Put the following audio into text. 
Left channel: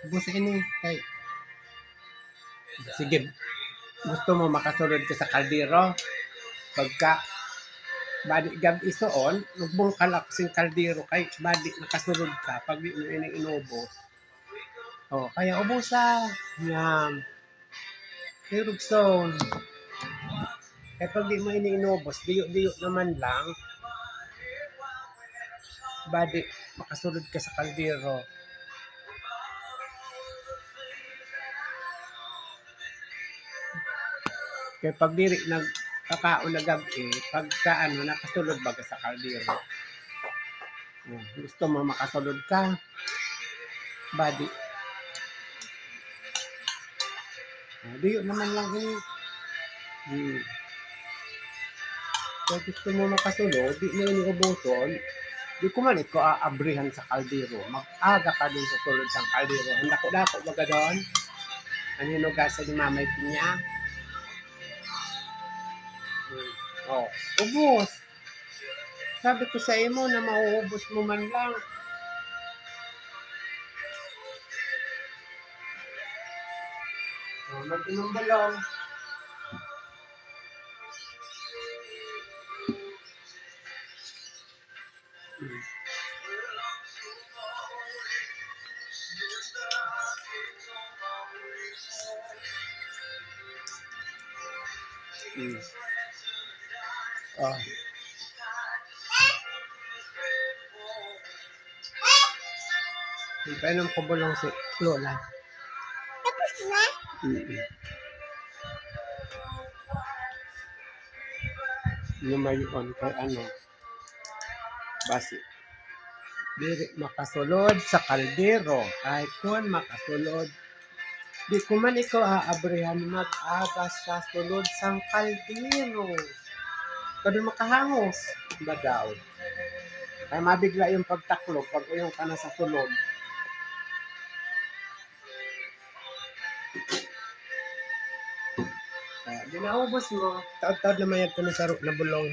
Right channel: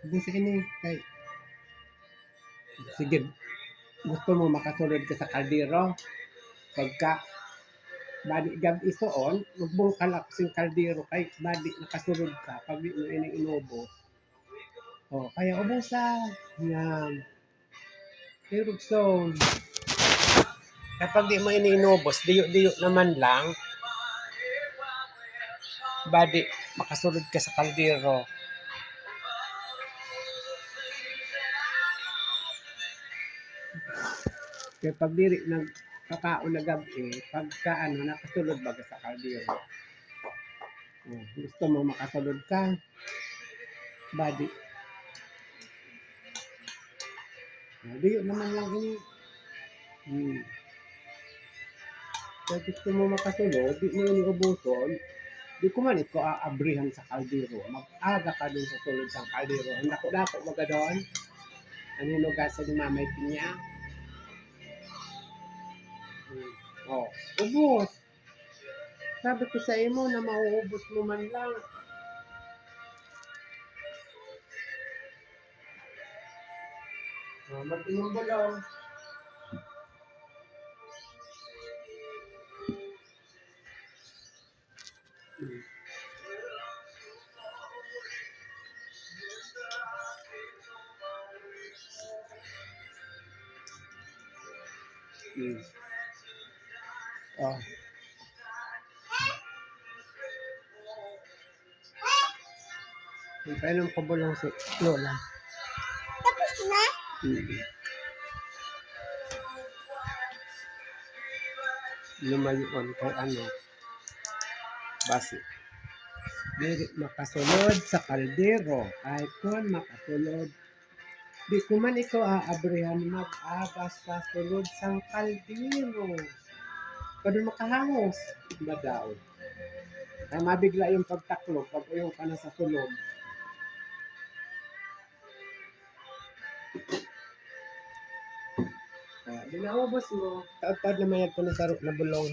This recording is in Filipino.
Ubusin ini kay sige, gusto mo makasulod ka sa kaldero, pagka badi gab-i suon, lubong kalak sing kaldero kay badi nakasulod ka 'pag di mo ini inubos. Oh, kaya ubusa, yan. Dirugson. Kapag di mo ini inubos, diyo-diyo naman lang, badi makasulod ka sa kaldero. Kaya pag diri nagkakaon na gabi, pagka ano, nakasulod baga sa kaldero. Oh, gusto mo makasulod ka, badi. Oh, diyo naman lang ini. Kaya gusto mo makasulod, di mo ini ubuson, di ko man ito aabrihan sa kaldero. Mag-aga ka dun sa sulod ng kaldero. Ang dako-dako baga doon. Ang hinugasan ni Mamay Pinya. Oh, ubos. Sabi ko sa imo na mauubos mo man lang. Oh, mag-inom ba lang? Oh. Painom ko bulong si Lola. Tapos na? Lumayon kay ano, basi. Diri makasulod sa kaldero. Kahit kun makasulod. Di ko man ikaw aabrihan mag-agas sa sulod sang kaldero. Kadun makahangos. Ba daw? Kaya mabigla yung pagtaklog pag uyong ka na sa sulod. Di naubos mo. Taod-taod naman yan ko na sa na bulong.